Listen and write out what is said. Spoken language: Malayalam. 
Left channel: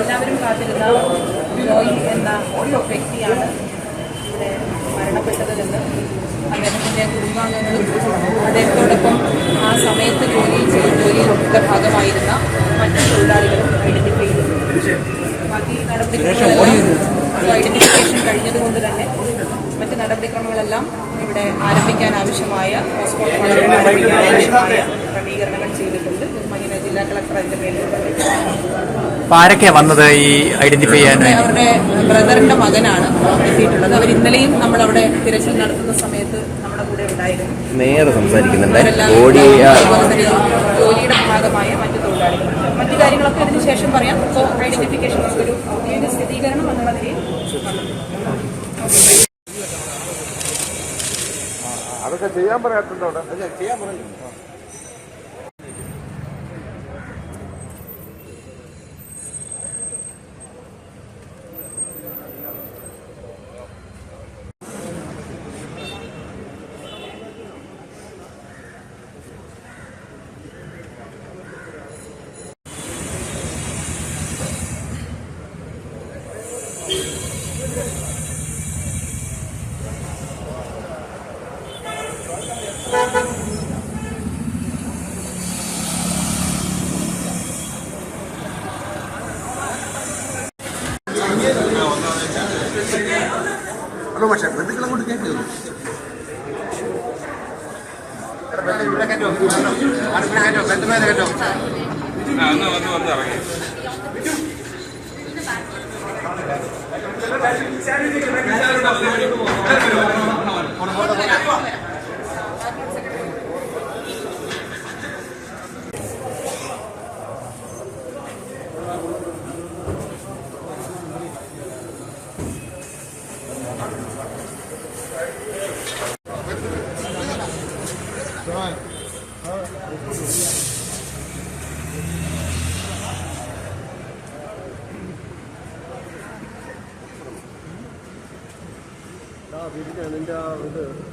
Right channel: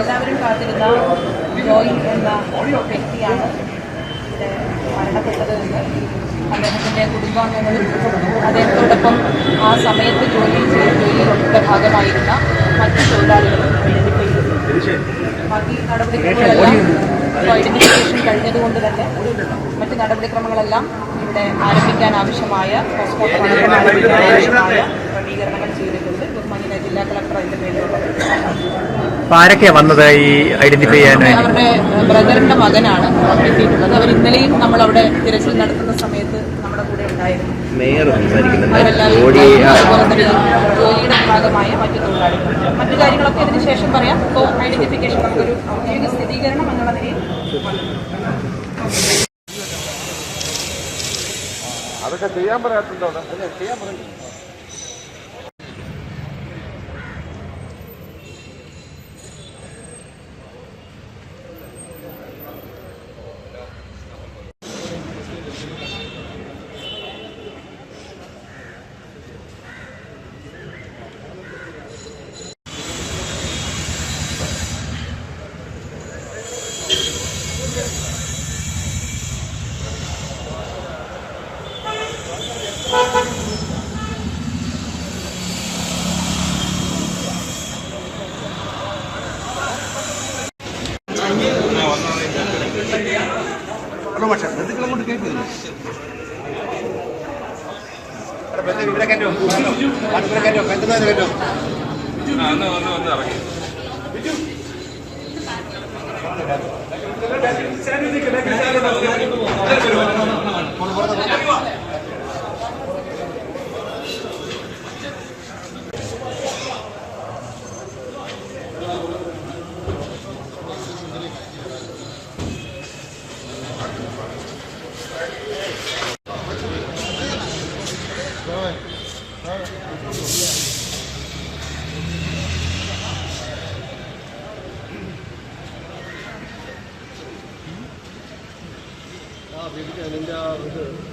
നമ്മളെല്ലാവരും കാത്തിരുന്ന ജോയി എന്ന വ്യക്തിയാണ് ഇവിടെ മരണപ്പെട്ടത് എന്ന് അദ്ദേഹത്തിൻ്റെ കുടുംബാംഗങ്ങളും അദ്ദേഹത്തോടൊപ്പം ആ സമയത്ത് ജോലിയുടെ ഭാഗമായിരുന്ന മറ്റു തൊഴിലാളികളും ഐഡന്റിഫൈ ചെയ്തു. ബാക്കി നടപടിക്രമങ്ങളെല്ലാം ഐഡന്റിഫിക്കേഷൻ കഴിഞ്ഞതുകൊണ്ട് തന്നെ മറ്റ് നടപടിക്രമങ്ങളെല്ലാം ഇവിടെ ആരംഭിക്കാൻ ആവശ്യമായ പോസ്റ്റ്മോർട്ടം അടക്കം ആരംഭിക്കാൻ ആവശ്യമായ ക്രമീകരണങ്ങൾ ചെയ്തിട്ടുണ്ട്. ബഹുമാന്യനായ ജില്ലാ കളക്ടർ അതിന്റെ പേരിലുള്ളത്. ആരൊക്കെയാണ് വന്നത് ഈ ഐഡന്റിഫൈ ചെയ്യാൻ? അവരുടെ ബ്രദറിന്റെ മകനാണ് എത്തിയിട്ടുള്ളത്. അവർ ഇന്നലെയും നമ്മളവിടെ തിരച്ചിൽ നടത്തുന്ന സമയത്ത് നമ്മുടെ കൂടെ ഉണ്ടായിരുന്നു. അവരെല്ലാം അതുപോലെ തന്നെ ജോലിയുടെ ഭാഗമായ മറ്റു തൊഴിലാളികൾ. മറ്റു കാര്യങ്ങളൊക്കെ ഇതിന് ശേഷം പറയാം. സോ ഐഡന്റിഫിക്കേഷൻ നമുക്കൊരു ഔദ്യോഗിക സ്ഥിരീകരണം എന്നുള്ള നിലയിൽ അതൊക്കെ ചെയ്യാൻ പറയാത്തുണ്ടോ? ചെയ്യാൻ പറഞ്ഞു. അതോ പക്ഷേ ബന്ധുക്കൾ അങ്ങോട്ട് കേട്ടിരുന്നു. വീട്ടിൽ